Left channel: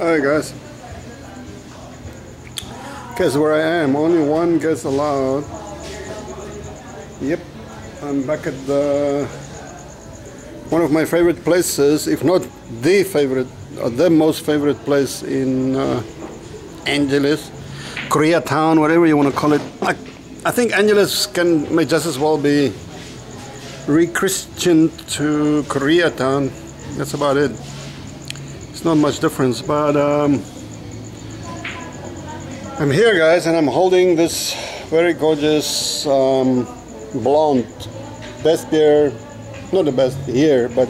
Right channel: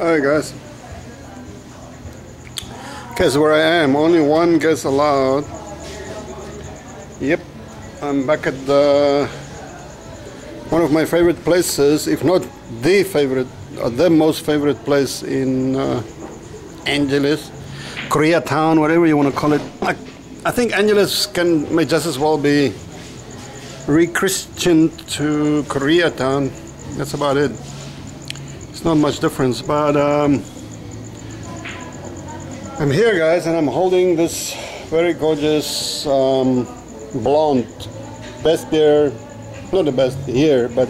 Alright guys, guess where I am. Only one guest allowed. Yep, I'm back at one of my favorite places, if not the favorite, the most favorite place in Angeles, Koreatown, whatever you want to call it. I think Angeles may just as well be re-christened to Koreatown. That's about it. It's not much difference, but I'm here guys, and I'm holding this very gorgeous blonde, best beer, not the best here, but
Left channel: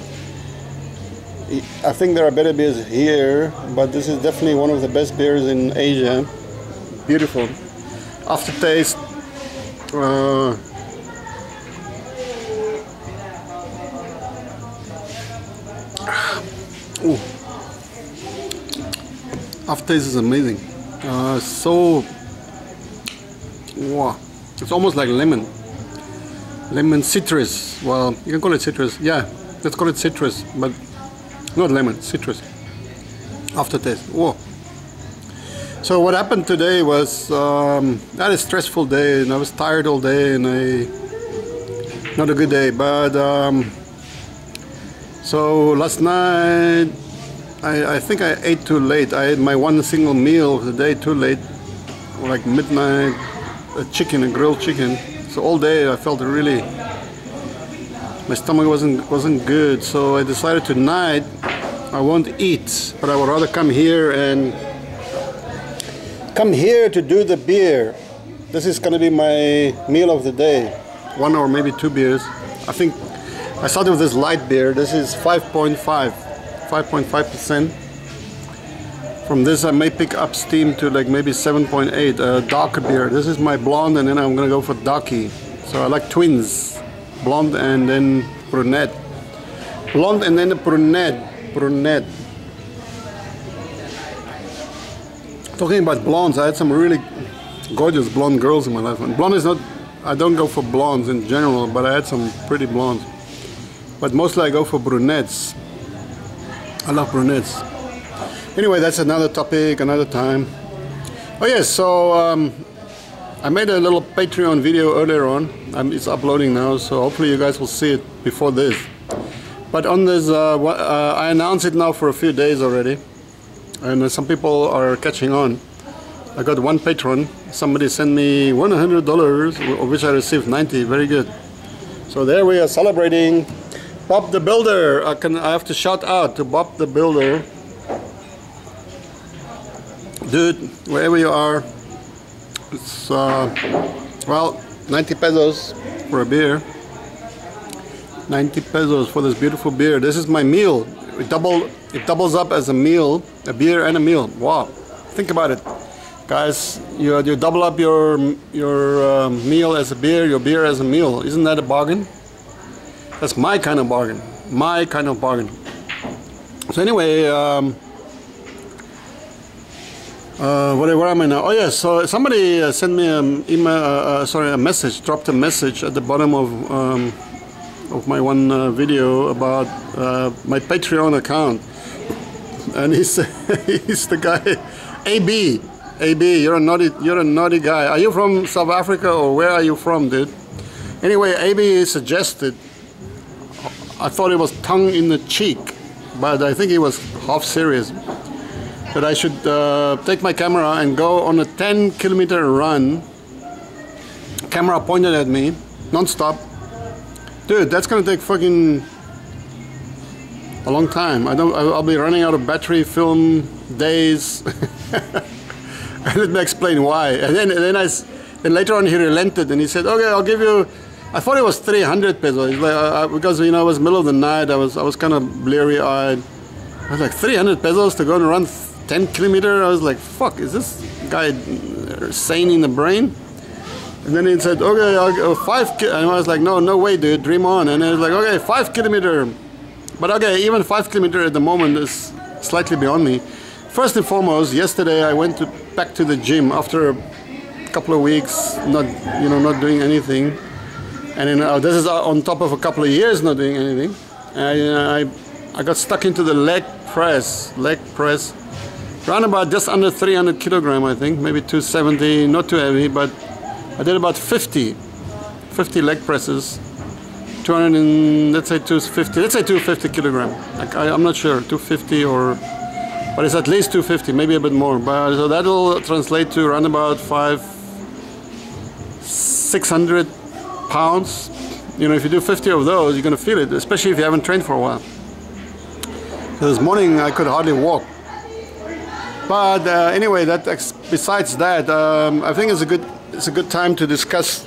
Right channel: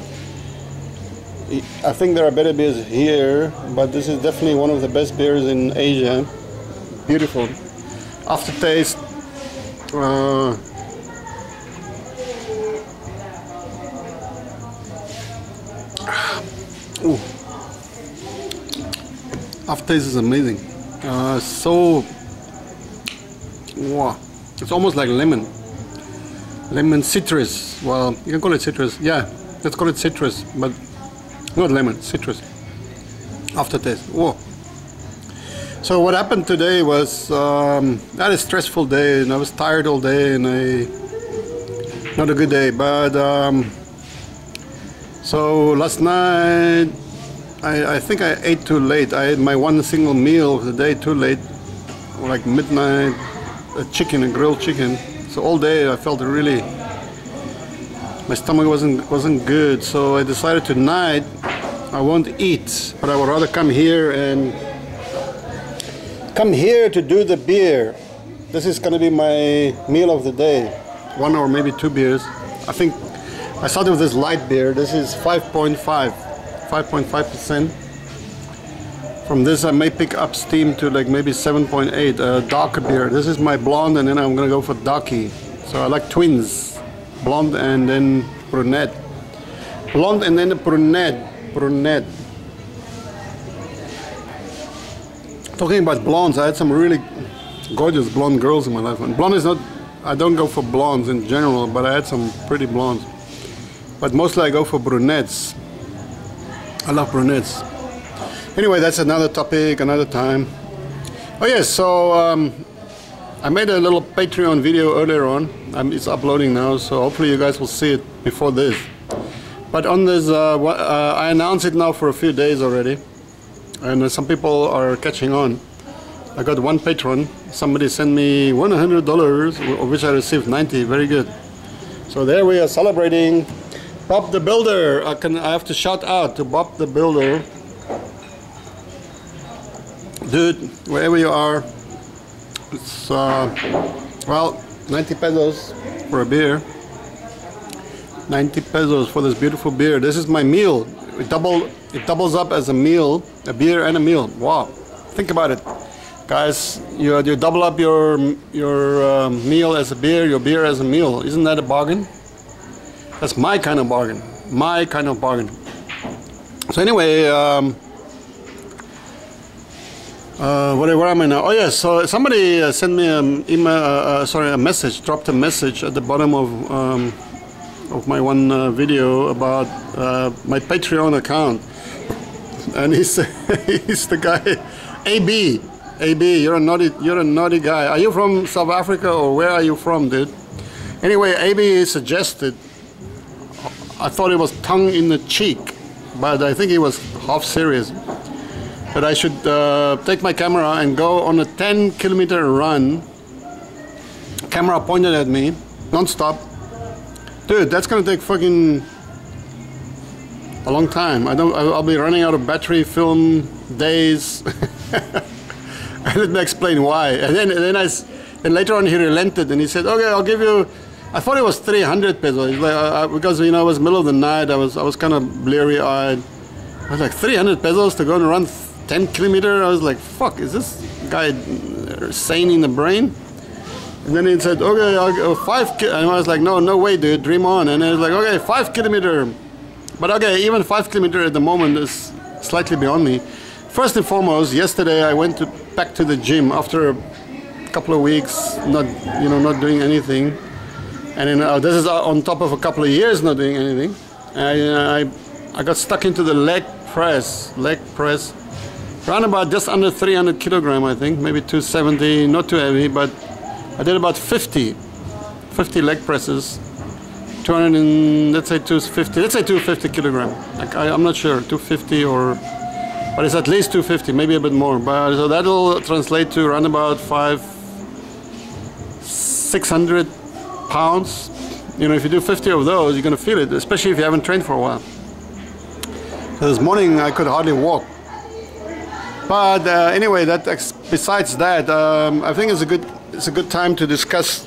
I think there are better beers here, but this is definitely one of the best beers in Asia. Beautiful aftertaste. Ooh. Aftertaste is amazing. So wow, it's almost like lemon citrus. Well, you can call it citrus. Yeah, let's call it citrus, but not lemon, citrus. Aftertaste. Whoa. So what happened today was I had a stressful day, and I was tired all day, and not a good day. But so last night I think I ate too late. I had my one single meal of the day too late, like midnight, a grilled chicken. So all day I felt really, my stomach wasn't good. So I decided tonight I won't eat, but I would rather come here to do the beer. This is gonna be my meal of the day, one or maybe two beers. I think I started with this light beer. This is 5.5%. From this I may pick up steam to like maybe 7.8, darker beer. This is my blonde, and then I'm gonna go for darky. So I like twins, blonde and then brunette. Blonde and then a brunette. Talking about blondes, I had some really gorgeous blonde girls in my life. And blonde is not, I don't go for blondes in general, but I had some pretty blondes. But mostly I go for brunettes. I love brunettes. Anyway, that's another topic, another time. Oh yes, so I made a little Patreon video earlier on. It's uploading now, so hopefully you guys will see it before this. But on this, I announced it now for a few days already, and some people are catching on. I got one patron. Somebody sent me $100, of which I received 90. Very good. So there we are celebrating. Bob the Builder. I have to shout out to Bob the Builder. Dude, wherever you are, it's well, 90 pesos for a beer. 90 pesos for this beautiful beer. This is my meal. It doubles up as a meal, a beer and a meal. Wow, think about it, guys. You double up your meal as a beer, your beer as a meal. Isn't that a bargain? That's my kind of bargain. My kind of bargain. So anyway, where am I now? Oh yes, so somebody sent me an email, a message, dropped a message at the bottom of my one video about my Patreon account, and he's the guy, AB, you're a naughty guy. Are you from South Africa, or where are you from, dude? Anyway, AB suggested, I thought it was tongue in the cheek, but I think he was half serious, that I should take my camera and go on a 10-kilometer run, camera pointed at me, non-stop. Dude, that's gonna take fucking a long time. I'll be running out of battery, film, days. Let me explain why. And then later on he relented and he said, okay, I'll give you, I thought it was 300 pesos. Like, because, you know, it was middle of the night, I was kind of bleary-eyed. I was like, 300 pesos to go and run 10 kilometers? I was like, fuck, is this guy sane in the brain? And then he said, okay, I'll go 5 and I was like, no way, dude, dream on. And he was like, okay, 5 kilometers. But okay, even 5 kilometers at the moment is slightly beyond me. First and foremost, yesterday I went back to the gym after a couple of weeks not doing anything. And then, this is on top of a couple of years not doing anything. I got stuck into the leg press. around about just under 300 kilogram, I think, maybe 270, not too heavy, but I did about 50 leg presses, 200 and let's say 250, let's say 250 kilogram. Like I'm not sure, 250 or, but it's at least 250, maybe a bit more. But so that'll translate to around about 600 pounds. You know, if you do 50 of those, you're gonna feel it, especially if you haven't trained for a while. So this morning I could hardly walk. But anyway, besides that, I think it's a good time to discuss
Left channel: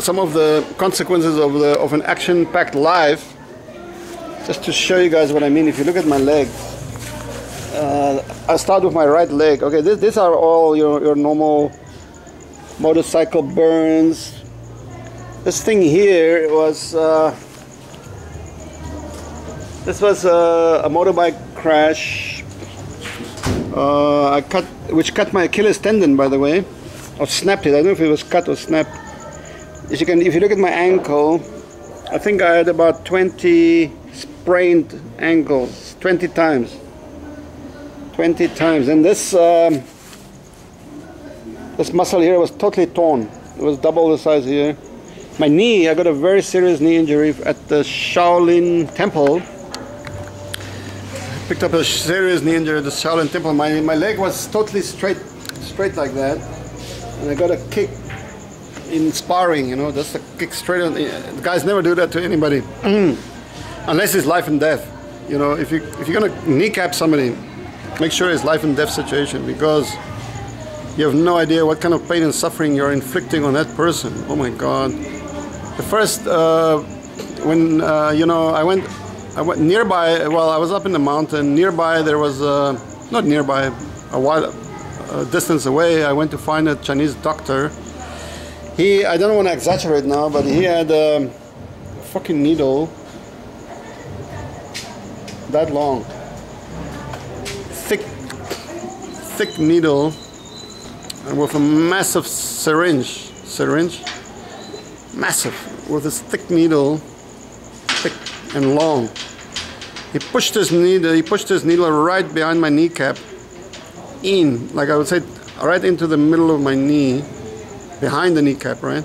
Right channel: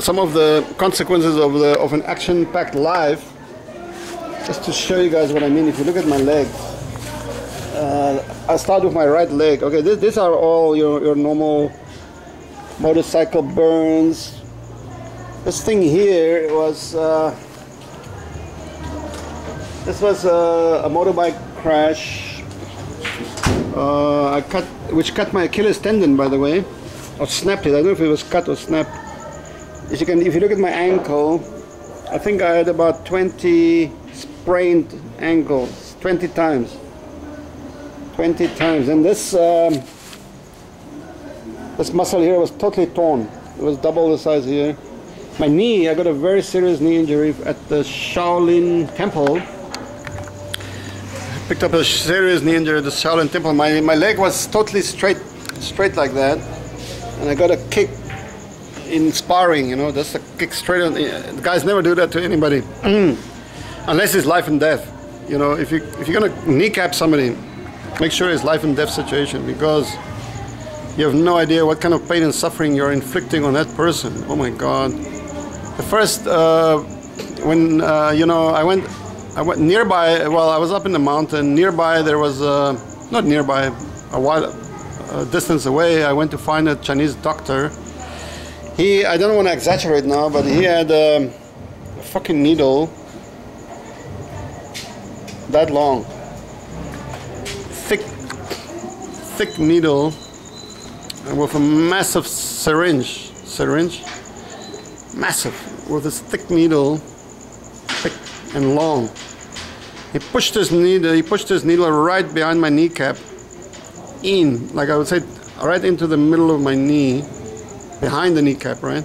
some of the consequences of an action-packed life. Just to show you guys what I mean. If you look at my leg, I start with my right leg. Okay, these are all your normal motorcycle burns. This thing here was this was a motorbike crash. Which cut my Achilles tendon, by the way, or snapped it. I don't know if it was cut or snapped. If you look at my ankle, I think I had about 20 sprained ankles, 20 times. 20 times, and this muscle here was totally torn. It was double the size here. My knee, I got a very serious knee injury at the Shaolin Temple. Picked up a serious knee injury at the Shaolin Temple. My leg was totally straight like that, and I got a kick in sparring. You know, just a kick straight on. The guys never do that to anybody, unless it's life and death. You know, if you're gonna kneecap somebody, make sure it's life and death situation, because you have no idea what kind of pain and suffering you're inflicting on that person. Oh my God! The first when you know, I went nearby. Well, I was up in the mountain. Nearby there was not nearby, a while distance away. I went to find a Chinese doctor. I don't want to exaggerate now, but he had a fucking needle that long, thick needle, and with a massive syringe, massive, with this thick needle, thick and long. He pushed his needle right behind my kneecap, like I would say, right into the middle of my knee, behind the kneecap, right?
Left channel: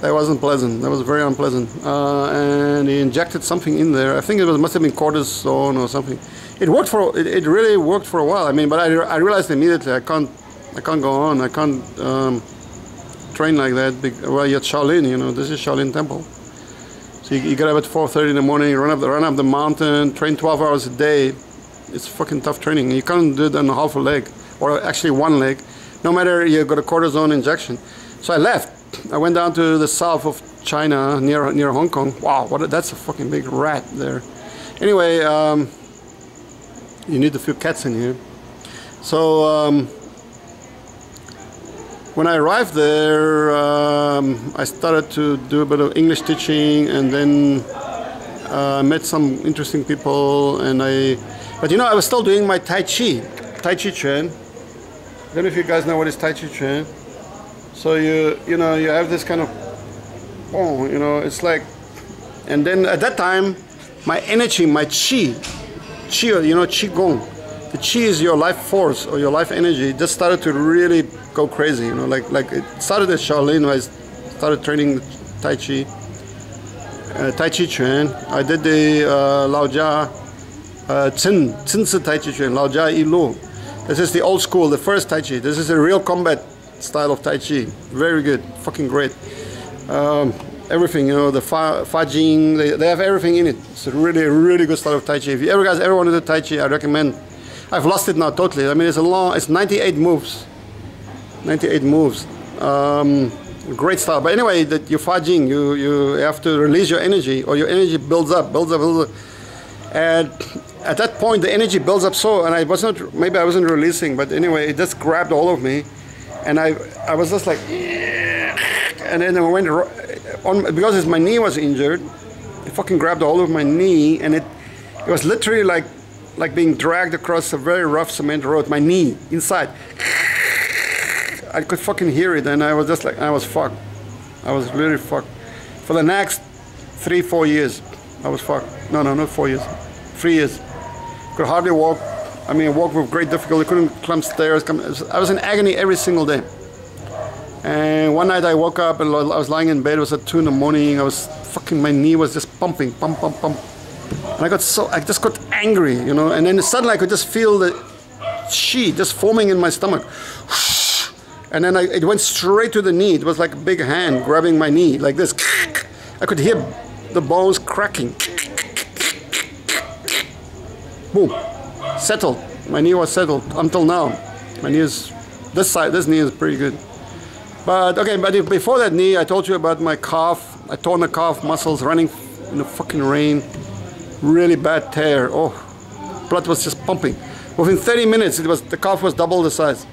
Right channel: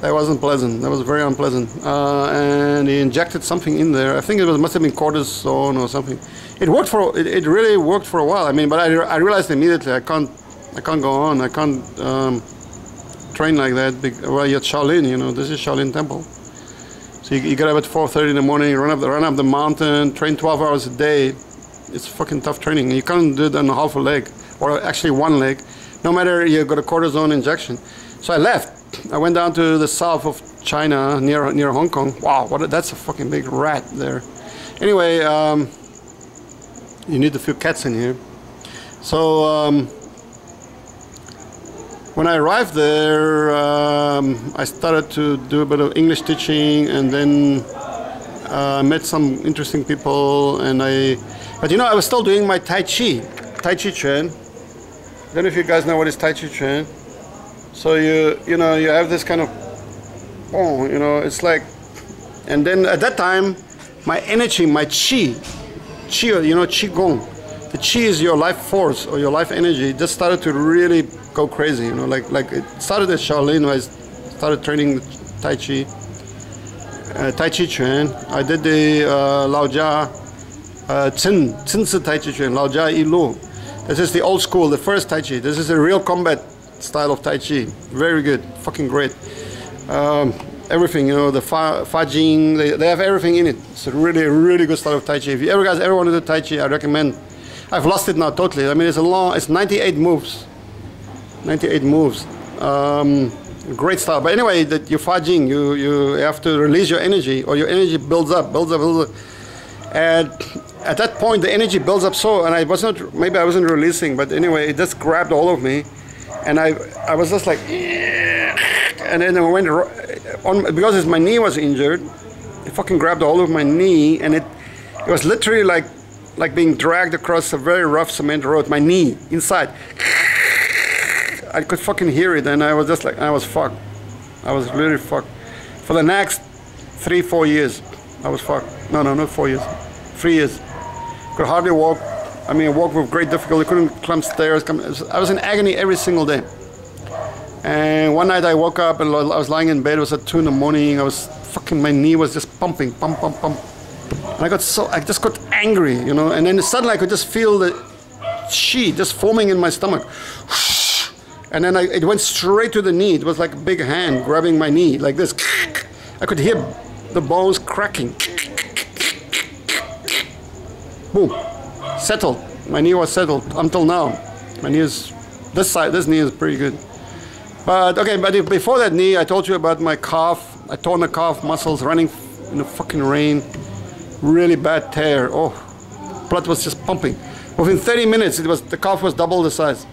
That wasn't pleasant. That was very unpleasant. And he injected something in there. I think must have been cortisone or something. It really worked for a while. I mean, but I realized immediately I can't go on. I can't train like that. Well, you're at Shaolin, you know. This is Shaolin Temple. So you get up at 4:30 in the morning, run up the mountain, train 12 hours a day. It's fucking tough training. You can't do it on half a leg, or actually one leg, no matter you got a cortisone injection. So I left. I went down to the south of China, near Hong Kong. Wow, that's a fucking big rat there. Anyway, you need a few cats in here. So when I arrived there, I started to do a bit of English teaching, and then met some interesting people. But you know, I was still doing my Tai Chi Chuan. I don't know if you guys know what is Tai Chi Chuan. So you know, you have this kind of, oh, you know, it's like, and then at that time, my energy, my chi, you know, qigong, the chi is your life force or your life energy, just started to really go crazy, you know, like it started at Shaolin. I started training Tai Chi Chuan. I did the Lao Jia, Cin Tai Chi Chuan, Lao Jia Yi Lu. This is the old school, the first Tai Chi. This is a real combat style of Tai Chi. Very good, fucking great. Everything, you know, the Fa Jing, they have everything in it. It's a really good style of Tai Chi. If you guys ever want to do Tai Chi, I recommend. I've lost it now totally. I mean, it's 98 moves. 98 moves. Great style. But anyway, your Fa Jing, you have to release your energy, or your energy builds up. And at that point, the energy builds up and maybe I wasn't releasing, but anyway, it just grabbed all of me. And I was just like, and then I went on, because my knee was injured. It fucking grabbed all of my knee, and it was literally like being dragged across a very rough cement road. My knee inside, I could fucking hear it, and I was just like, I was fucked. I was really fucked. For the next 3-4 years, I was fucked. No, not 4 years, 3 years. Could hardly walk. I mean, I walked with great difficulty, couldn't climb stairs. I was in agony every single day. And one night I woke up and I was lying in bed. It was at 2 in the morning. I was fucking, my knee was just pumping, pump, pump, pump. And I just got angry, you know. And then suddenly I could just feel the chi just forming in my stomach. And then it went straight to the knee. It was like a big hand grabbing my knee, like this. I could hear the bones cracking. Boom. Settled. My knee was settled until now. My knee is, this knee is pretty good. But okay, but before that knee, I told you about my calf. I torn the calf muscles running in the fucking rain. Really bad tear. Oh, blood was just pumping. Within 30 minutes, the calf was double the size.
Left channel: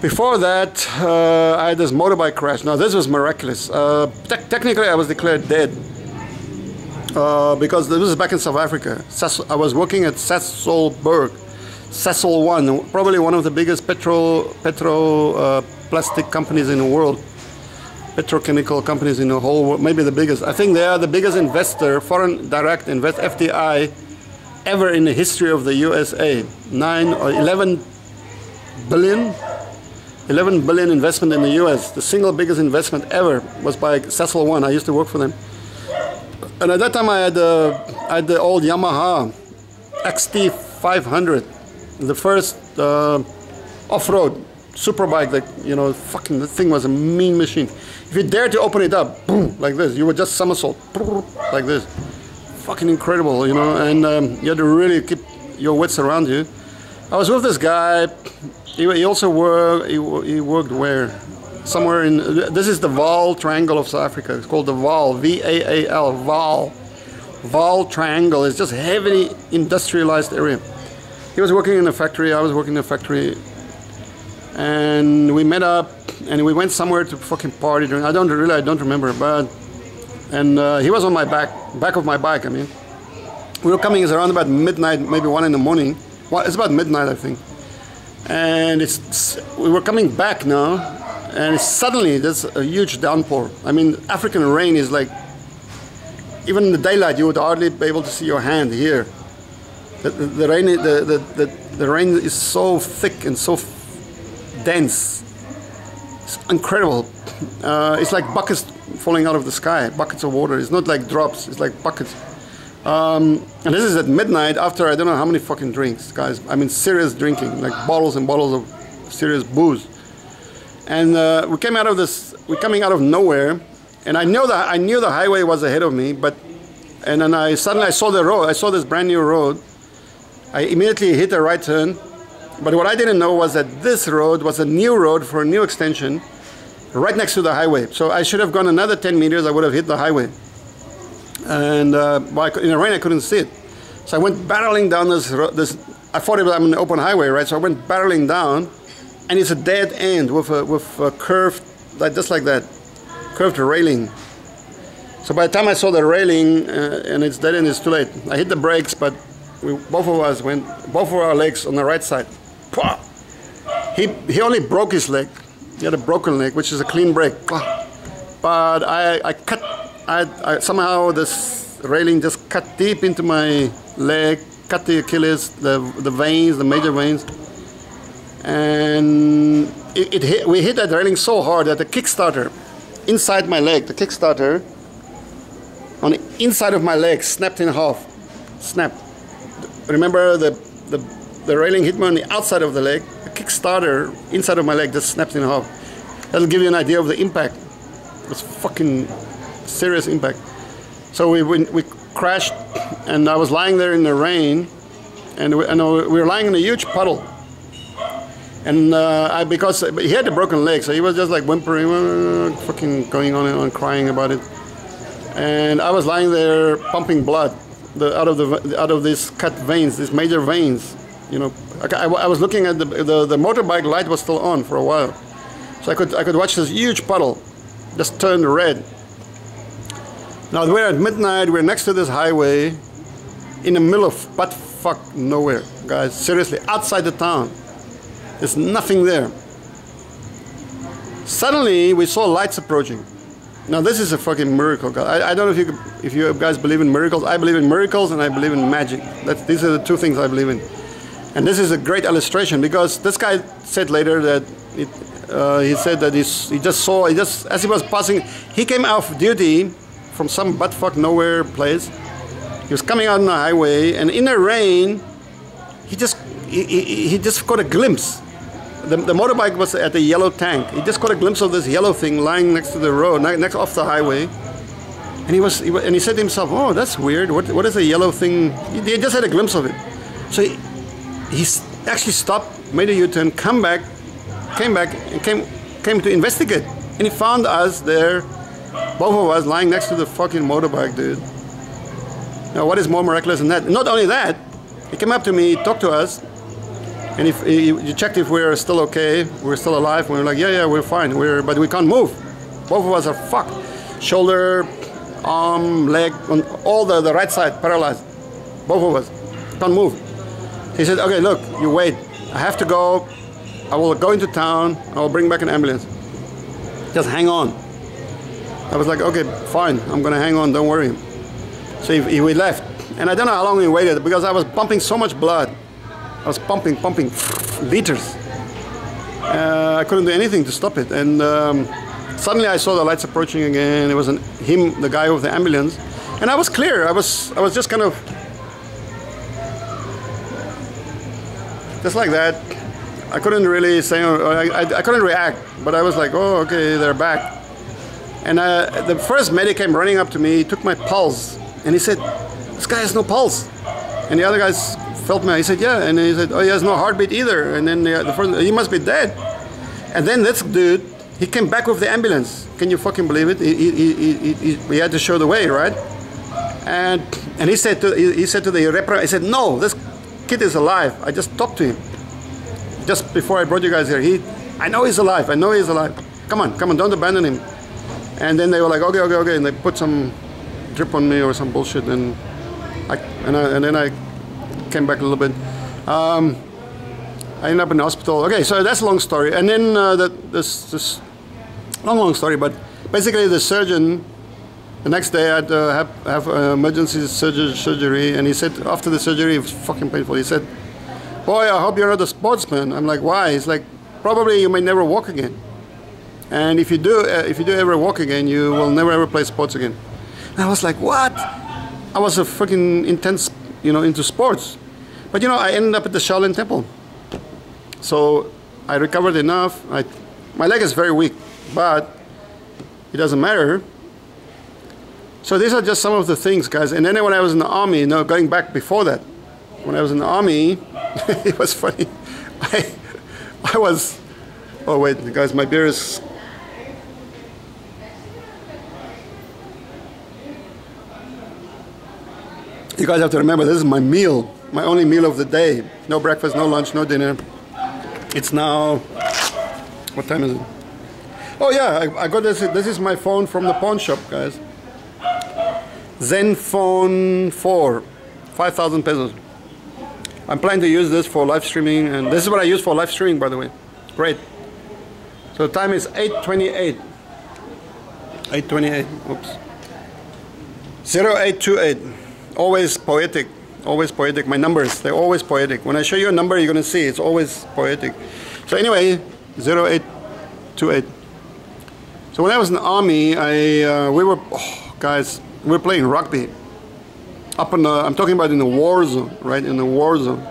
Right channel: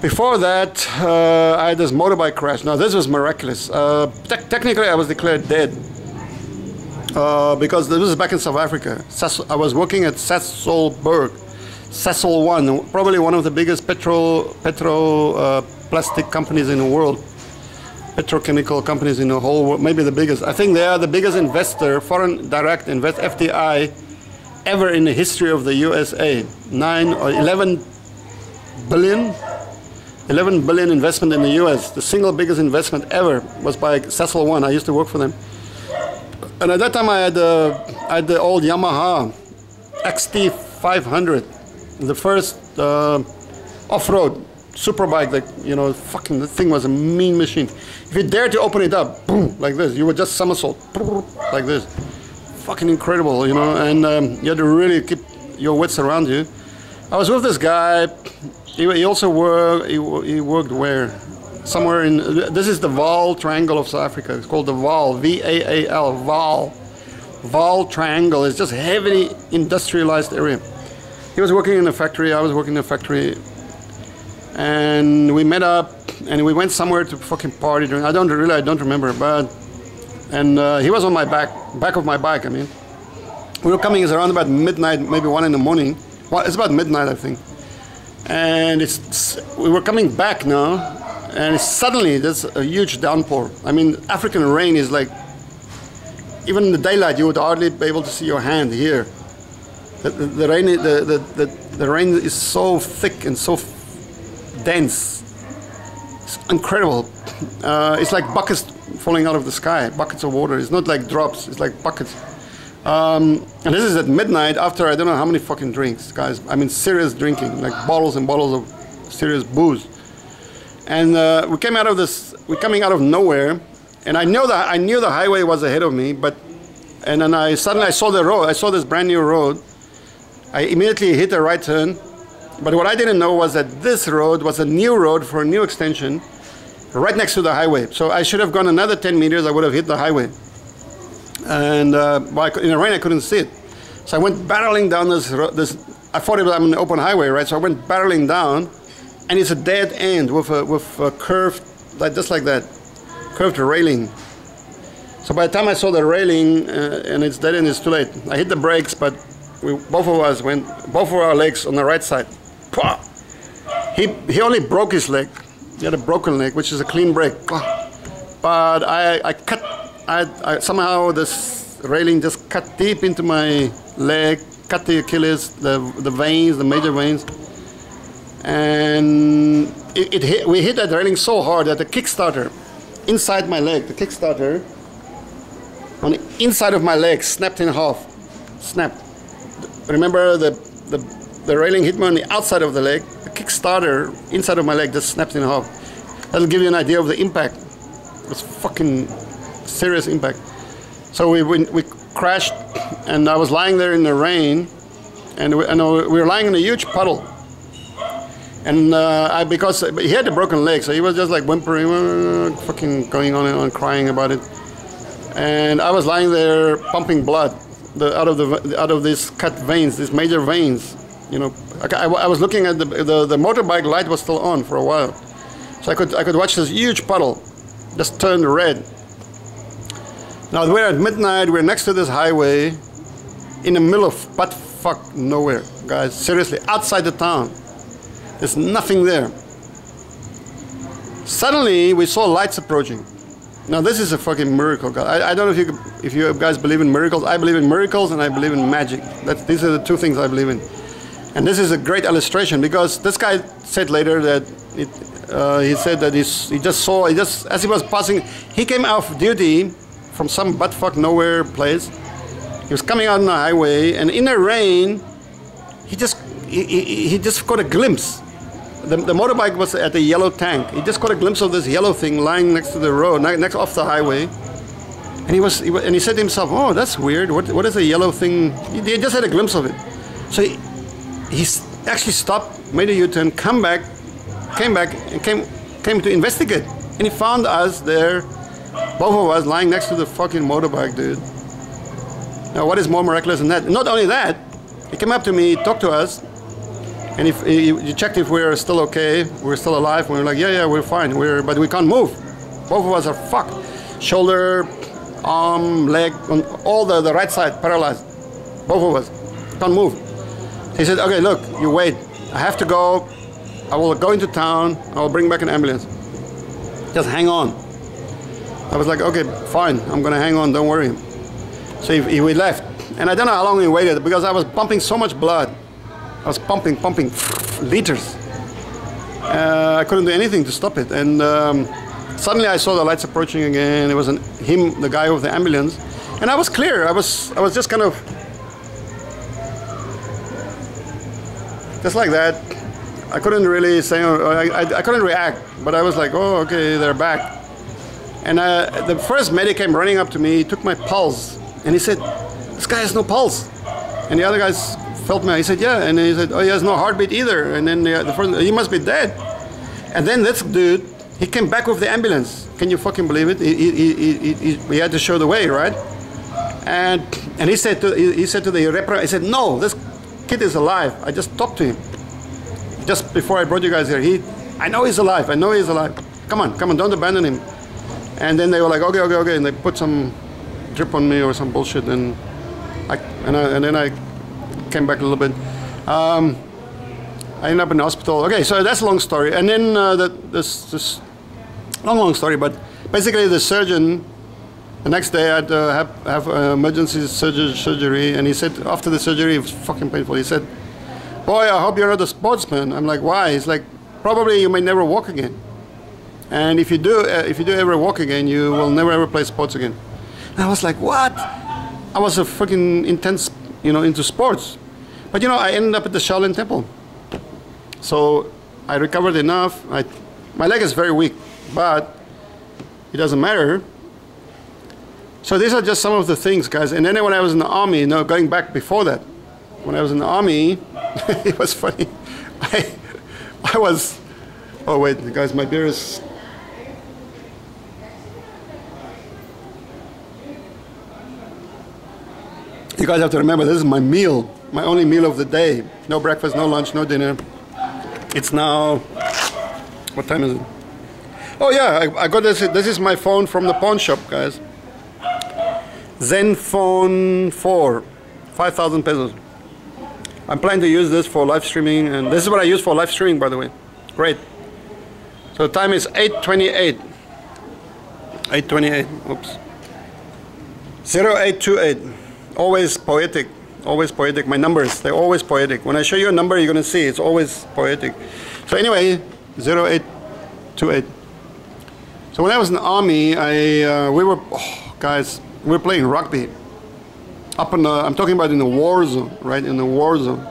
Before that, I had this motorbike crash. Now this was miraculous. Technically, I was declared dead because this was back in South Africa. I was working at Sasolburg. Sasol 1, probably one of the biggest plastic companies in the world, petrochemical companies in the whole world, maybe the biggest. I think they are the biggest investor, foreign direct invest, FDI, ever in the history of the USA. 9 or 11 billion investment in the US. The single biggest investment ever was by Sasol 1. I used to work for them. And at that time I had the old Yamaha XT 500. The first off-road superbike that, you know, fucking, the thing was a mean machine. If you dare to open it up, boom, like this, you would just somersault, like this. Fucking incredible, you know, and you had to really keep your wits around you. I was with this guy. He also worked, he worked where? Somewhere in, this is the Vaal Triangle of South Africa. It's called the Vaal, V-A-A-L, Vaal. Vaal Triangle is just heavily industrialized area. He was working in a factory, I was working in a factory, and we met up, and we went somewhere to fucking party. I don't remember, but, and he was on my back of my bike, I mean. We were coming, it's around about midnight, maybe 1 in the morning. Well, it's about midnight, I think. And we were coming back now, and suddenly there's a huge downpour. I mean, African rain is like, even in the daylight, you would hardly be able to see your hand here. The rain is so thick and so dense. It's incredible. It's like buckets falling out of the sky, buckets of water. It's not like drops, it's like buckets. And this is at midnight after I don't know how many fucking drinks, guys. I mean, serious drinking, like bottles and bottles of serious booze. And we're coming out of nowhere, and I knew the highway was ahead of me, and then suddenly I saw the road. I saw this brand new road. I immediately hit a right turn, but what I didn't know was that this road was a new road for a new extension right next to the highway. So I should have gone another 10 meters, I would have hit the highway. And in the rain I couldn't see it. So I went barreling down this, I thought it was an open highway, right? So I went barreling down, and it's a dead end with a curved, just like that, curved railing. So by the time I saw the railing, and it's dead end, it's too late. I hit the brakes, but both of our legs on the right side. He only broke his leg. He had a broken leg, which is a clean break. But I somehow this railing just cut deep into my leg, cut the Achilles, the veins, the major veins, and we hit that railing so hard that the kickstarter inside my leg, the kickstarter on the inside of my leg snapped in half. Snapped. Remember the railing hit me on the outside of the leg. The kickstarter inside of my leg just snapped in half. That'll give you an idea of the impact. It was fucking serious impact. So we crashed, and I was lying there in the rain, and we were lying in a huge puddle. And because he had a broken leg, so he was just like whimpering, fucking going on and on, crying about it. And I was lying there pumping blood out of these cut veins, these major veins. You know, I was looking at the motorbike light was still on for a while, so I could watch this huge puddle just turn red. Now we're at midnight. We're next to this highway, in the middle of butt-fuck nowhere, guys. Seriously, outside the town. There's nothing there. Suddenly, we saw lights approaching. Now this is a fucking miracle, guys. I don't know if you guys believe in miracles. I believe in miracles and I believe in magic. These are the two things I believe in. And this is a great illustration because this guy said later that he said that he just as he was passing, he came off duty from some buttfuck nowhere place. He was coming out on the highway, and in the rain, he just got a glimpse. The motorbike was at the yellow tank. He just got a glimpse of this yellow thing lying next to the road, next off the highway. And he said to himself, "Oh, that's weird. What is a yellow thing?" He just had a glimpse of it. So he actually stopped, made a U-turn, came back, and came to investigate. And he found us there, both of us lying next to the fucking motorbike, dude. Now, what is more miraculous than that? Not only that, he came up to me, talked to us, and he checked if we were still okay, we're still alive. We were like, yeah, we're fine, but we can't move. Both of us are fucked. Shoulder, arm, leg, on all the right side, paralyzed. Both of us can't move. He said, okay, look, you wait. I have to go. I will go into town. I will bring back an ambulance. Just hang on. I was like, okay, fine. I'm going to hang on. Don't worry. So we left. And I don't know how long we waited because I was pumping so much blood. I was pumping liters. I couldn't do anything to stop it. And suddenly I saw the lights approaching again. It was him, the guy with the ambulance. And I was clear. I was just kind of... just like that. I couldn't really say... I couldn't react. But I was like, oh, okay, they're back. And the first medic came running up to me, took my pulse. And he said, this guy has no pulse. And the other guys felt me. He said, yeah. And he said, oh, he has no heartbeat either. And then the first, he must be dead. And then this dude, he came back with the ambulance. Can you fucking believe it? We had to show the way, right? And he said to the repro, he said, no, this kid is alive. I just talked to him. Just before I brought you guys here. I know he's alive. I know he's alive. Come on, don't abandon him. And then they were like, okay. And they put some drip on me or some bullshit, and then I came back a little bit. I ended up in the hospital. Okay, so that's a long story. And then this long story, but basically the surgeon, the next day I had to have emergency surgery, and he said after the surgery, it was fucking painful. He said, boy, I hope you're not a sportsman. I'm like, why? He's like, probably you may never walk again. And if you do ever walk again, you will never ever play sports again. And I was like, what? I was a fucking intense, into sports. But I ended up at the Shaolin Temple. So I recovered enough. My leg is very weak, but it doesn't matter. So these are just some of the things, guys. And then when I was in the army, going back before that, when I was in the army, it was funny. I was, oh wait, guys, my beer is... You guys have to remember, this is my meal, my only meal of the day. No breakfast, no lunch, no dinner. It's now, what time is it? Oh yeah, I got this. This is my phone from the pawn shop, guys. Zenfone 4, 5,000 pesos. I'm planning to use this for live streaming, and this is what I use for live streaming, by the way. Great. So the time is 8:28. 8:28. Oops. 0828. Always poetic. Always poetic. My numbers, they're always poetic. When I show you a number, you're gonna see it's always poetic. So anyway, 0828. So when I was in the army, guys, we were playing rugby. I'm talking about in the war zone, right? In the war zone.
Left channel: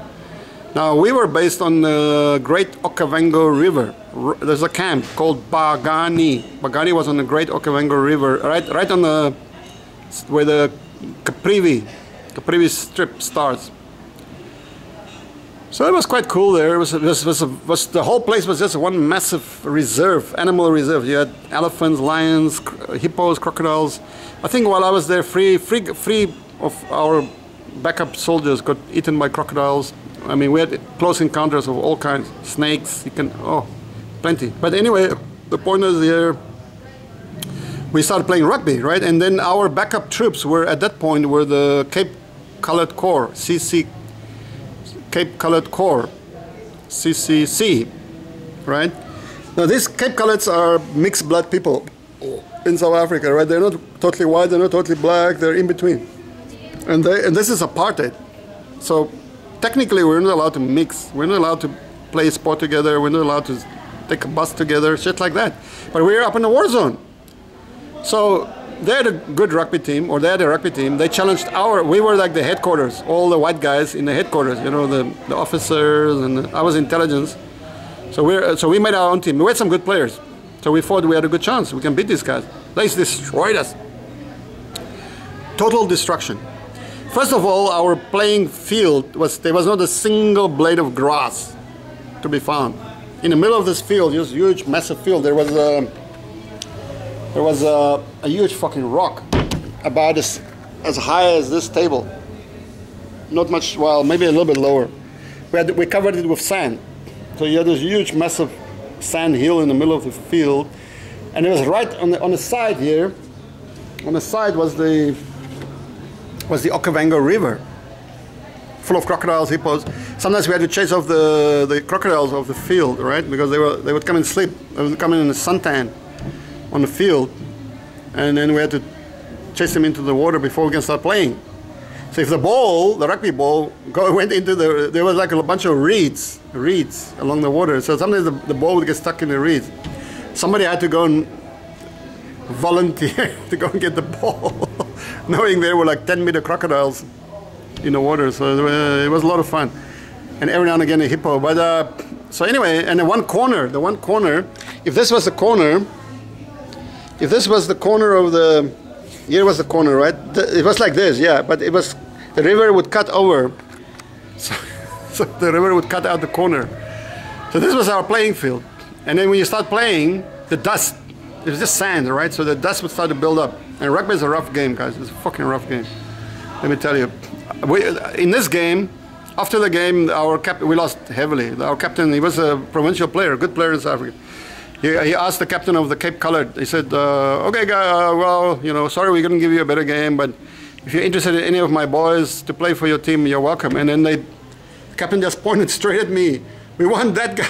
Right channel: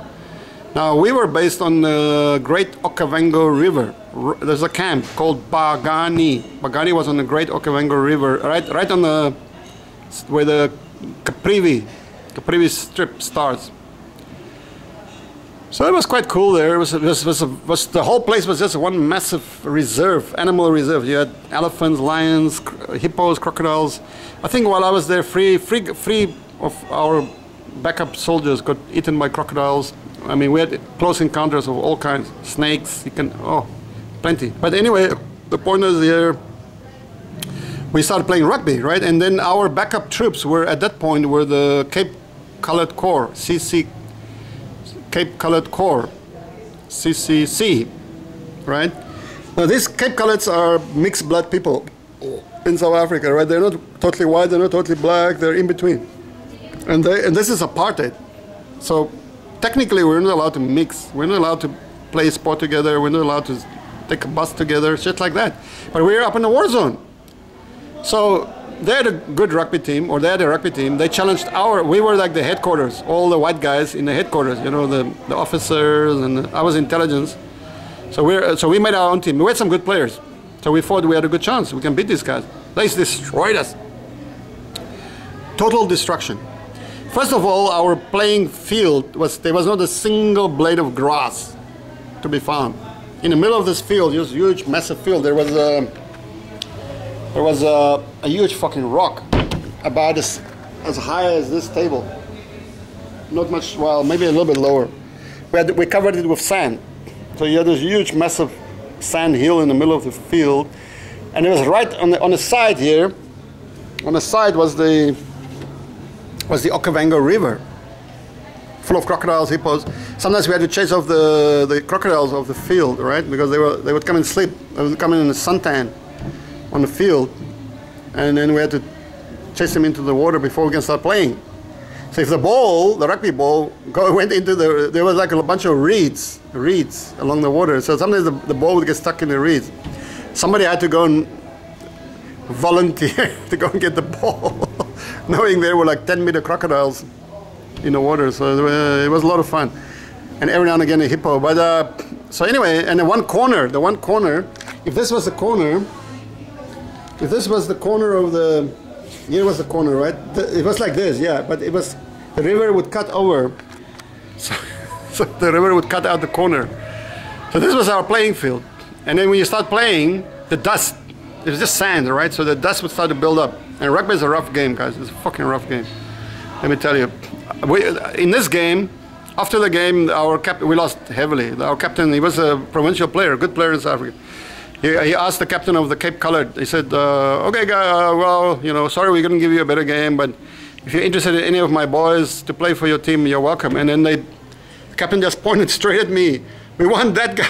Now we were based on the Great Okavango River. There's a camp called Bagani. Bagani was on the Great Okavango River, right on where the Caprivi strip starts. So it was quite cool there. The whole place was just one massive reserve, animal reserve. You had elephants, lions, hippos, crocodiles. I think while I was there, three of our backup soldiers got eaten by crocodiles. I mean, we had close encounters of all kinds. Snakes, plenty. But anyway, the point is here, we started playing rugby, right? And then our backup troops at that point were the Cape Colored Corps, CC, Cape Colored Corps, CCC, right? Now these Cape Coloreds are mixed blood people. in South Africa, right? They're not totally white, they're not totally black, they're in between. And this is apartheid. So technically we're not allowed to mix. We're not allowed to play sport together. We're not allowed to take a bus together, shit like that. But we're up in the war zone. So they had a good rugby team, or they had a rugby team. They challenged we were like the headquarters, all the white guys in the headquarters, you know, the officers, and I was intelligence. So we made our own team. We had some good players. So we thought we had a good chance. We can beat these guys. They destroyed us. Total destruction. First of all, our playing field there was not a single blade of grass to be found. In the middle of this field, this huge, massive field, there was a huge fucking rock about as high as this table. Not much, well, maybe a little bit lower. We covered it with sand. So you had this huge, massive sand hill in the middle of the field, and it was right on the side here. On the side was the Okavango River, full of crocodiles, hippos. Sometimes we had to chase off the crocodiles off the field, right? Because they would come and sleep. They would come in a suntan on the field, and then we had to chase them into the water before we can start playing. So if the rugby ball, went into there was like a bunch of reeds along the water. So sometimes the ball would get stuck in the reeds. Somebody had to go and volunteer to go and get the ball, knowing there were like 10-meter crocodiles in the water. So it was a lot of fun, and every now and again a hippo. But so anyway, and the one corner, if this was the corner of the, here was the corner, right? It was like this, yeah, but it was, the river would cut over, so the river would cut out the corner. So this was our playing field. And then when you start playing, the dust, it was just sand, right? So the dust would start to build up. And rugby is a rough game, guys. It's a fucking rough game. Let me tell you. In this game, after the game, we lost heavily. Our captain, he was a provincial player, a good player in South Africa. He asked the captain of the Cape Coloured, he said, okay, well, you know, sorry, we're going to give you a better game, but if you're interested in any of my boys to play for your team, you're welcome. And then the captain just pointed straight at me. We want that guy.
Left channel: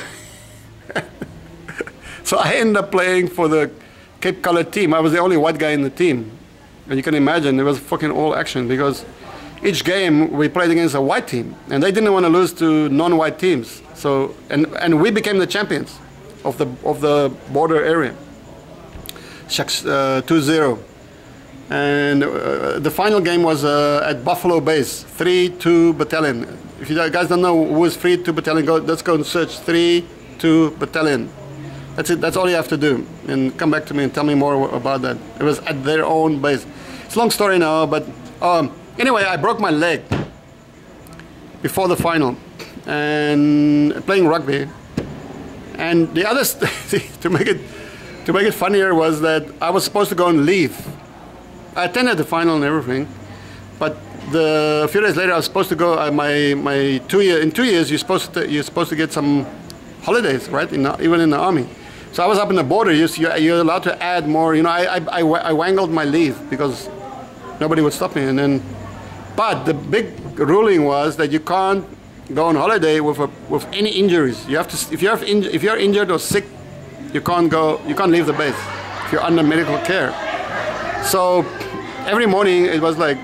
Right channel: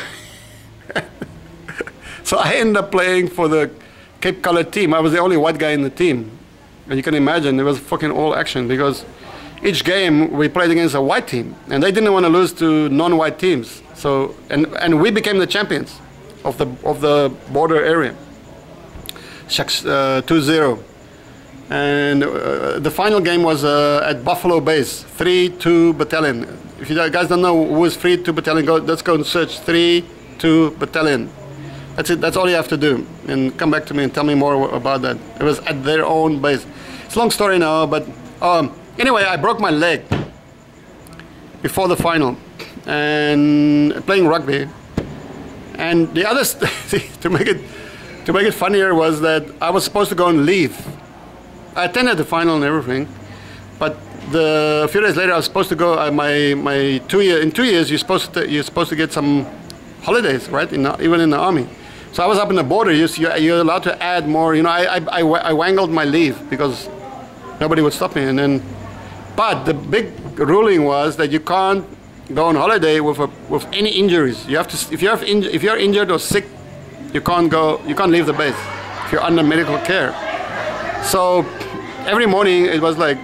So I ended up playing for the Cape Coloured team. I was the only white guy in the team. And you can imagine, it was fucking all action, because each game we played against a white team, and they didn't want to lose to non-white teams. So, and we became the champions of the border area. Shucks, 2-0. And the final game was at Buffalo Base, 3-2 Battalion. If you guys don't know who is 3-2 Battalion, let's go and search 3-2 Battalion. That's it, that's all you have to do. And come back to me and tell me more about that. It was at their own base. It's a long story now, but anyway, I broke my leg before the final and playing rugby. And the other to make it funnier was that I was supposed to go and leave. I attended the final and everything, but a few days later I was supposed to go. In 2 years you're supposed to get some holidays, right? Even in the army. So I was up in the border. You're allowed to add more. You know, I wangled my leave because nobody would stop me. But the big ruling was that you can't go on holiday with any injuries. You have to, if you're injured or sick, you can't leave the base if you're under medical care. So every morning it was like,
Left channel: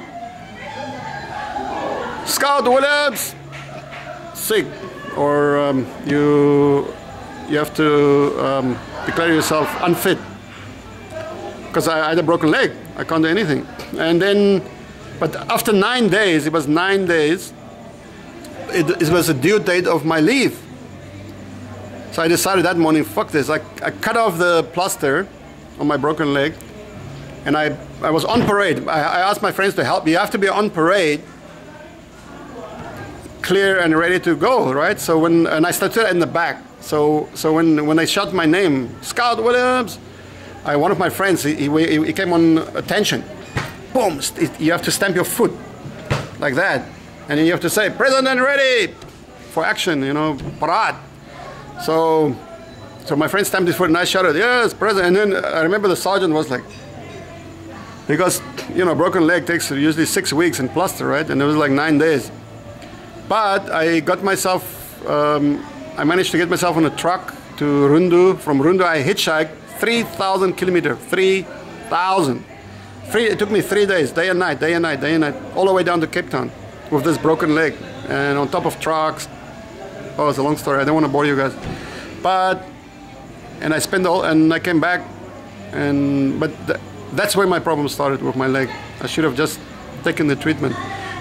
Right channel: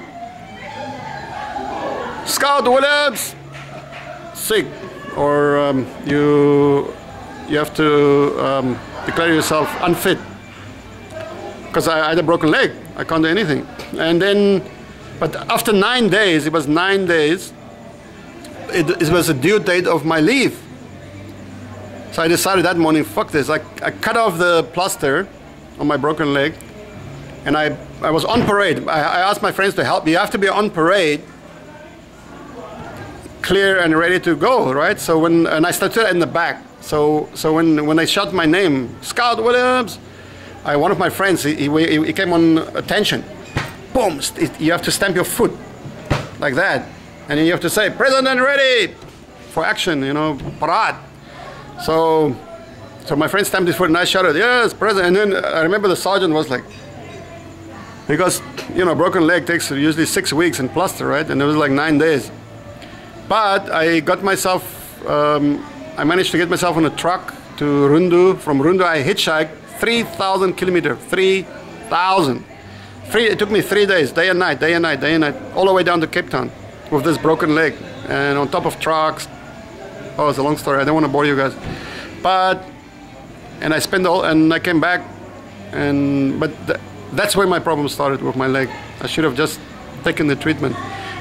Scout Williams, sick, or you have to declare yourself unfit because I had a broken leg. I can't do anything. And then, but after 9 days, it was 9 days. It was the due date of my leave. So I decided that morning, fuck this. I cut off the plaster on my broken leg, and I was on parade. I asked my friends to help me. You have to be on parade, clear and ready to go, right? So and I started in the back. So when they shouted my name, Scout Williams, one of my friends, he came on attention. Boom! You have to stamp your foot like that. And then you have to say, President ready for action, you know, parade. So my friend stamped his foot and I shouted, yes, President. And then I remember the sergeant was like, because, you know, broken leg takes usually 6 weeks in plaster, right? And it was like 9 days. But I got myself, I managed to get myself on a truck to Rundu. From Rundu, I hitchhiked 3,000 kilometers. 3,000. It took me 3 days, day and night, day and night, day and night, all the way down to Cape Town with this broken leg and on top of trucks. Oh, it's a long story. I don't want to bore you guys. And I spent and I came back, but that's where my problem started with my leg. I should have just taken the treatment.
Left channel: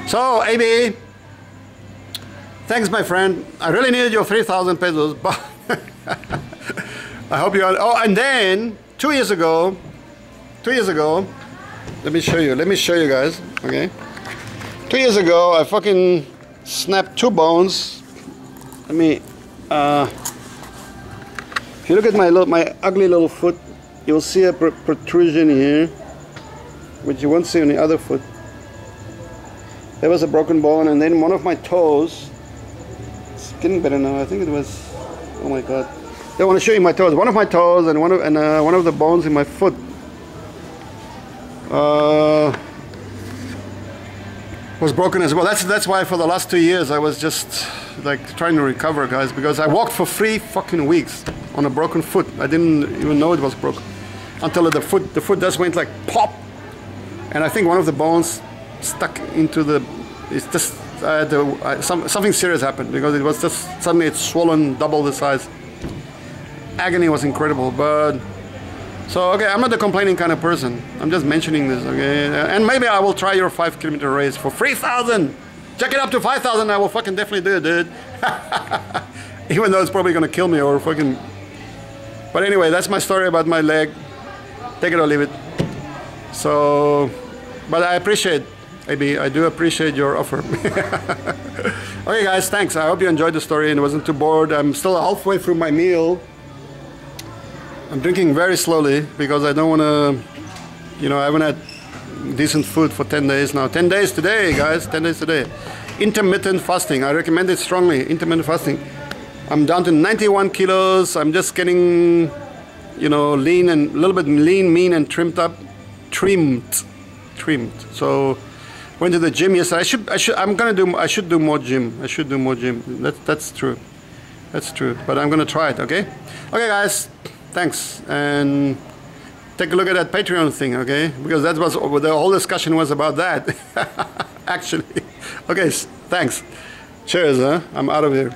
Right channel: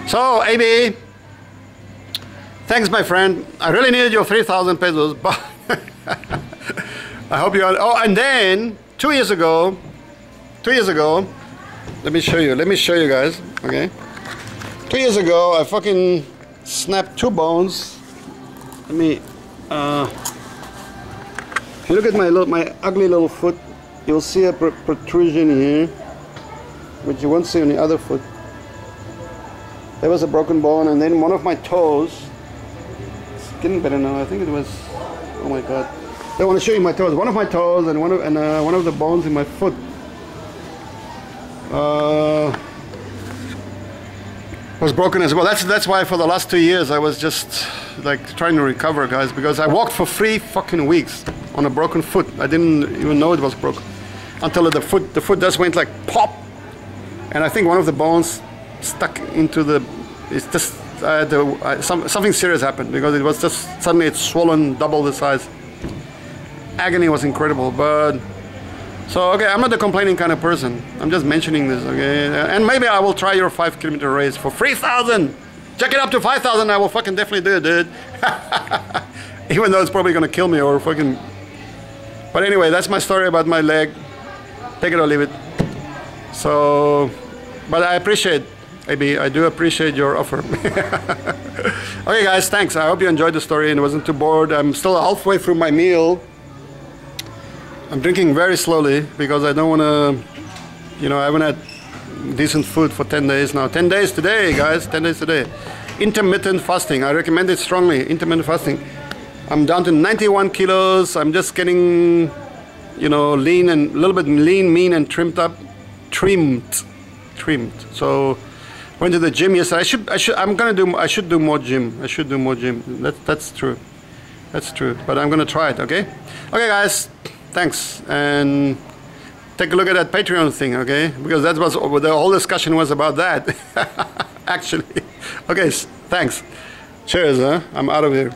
So, AB, thanks, my friend. I really needed your 3,000 pesos, but I hope you are. Oh, and then 2 years ago, let me show you guys, okay? 2 years ago, I fucking snapped 2 bones. Let me, if you look at my ugly little foot, you'll see a protrusion here, which you won't see on the other foot. There was a broken bone, and then one of my toes, it's getting better now, I think it was, oh my god. I want to show you my toes. One of my toes and one of the bones in my foot was broken as well. That's why for the last 2 years I was just like trying to recover, guys, because I walked for 3 fucking weeks on a broken foot. I didn't even know it was broken until the foot just went like pop, and I think one of the bones stuck into the. It's just something serious happened because it was just suddenly it's swollen double the size. Agony was incredible, but. So, okay, I'm not a complaining kind of person. I'm just mentioning this, okay? And maybe I will try your 5-kilometer race for 3,000. Check it up to 5,000, I will fucking definitely do it, dude. Even though it's probably gonna kill me or fucking... But anyway, that's my story about my leg. Take it or leave it. So, but I appreciate, AB, I do appreciate your offer. Okay, guys, thanks. I hope you enjoyed the story and wasn't too bored. I'm still halfway through my meal. I'm drinking very slowly because I don't want to, you know, I haven't had decent food for 10 days now. 10 days today, guys, 10 days today. Intermittent fasting, I recommend it strongly, intermittent fasting. I'm down to 91 kilos. I'm just getting, you know, lean and a little bit lean, mean and trimmed. So went to the gym yesterday. I should do more gym. That's true. That's true. But I'm gonna try it, okay? Okay, guys. Thanks, and take a look at that Patreon thing, okay? Because that was the whole discussion was about that, actually. Okay, thanks. Cheers, huh? I'm out of here.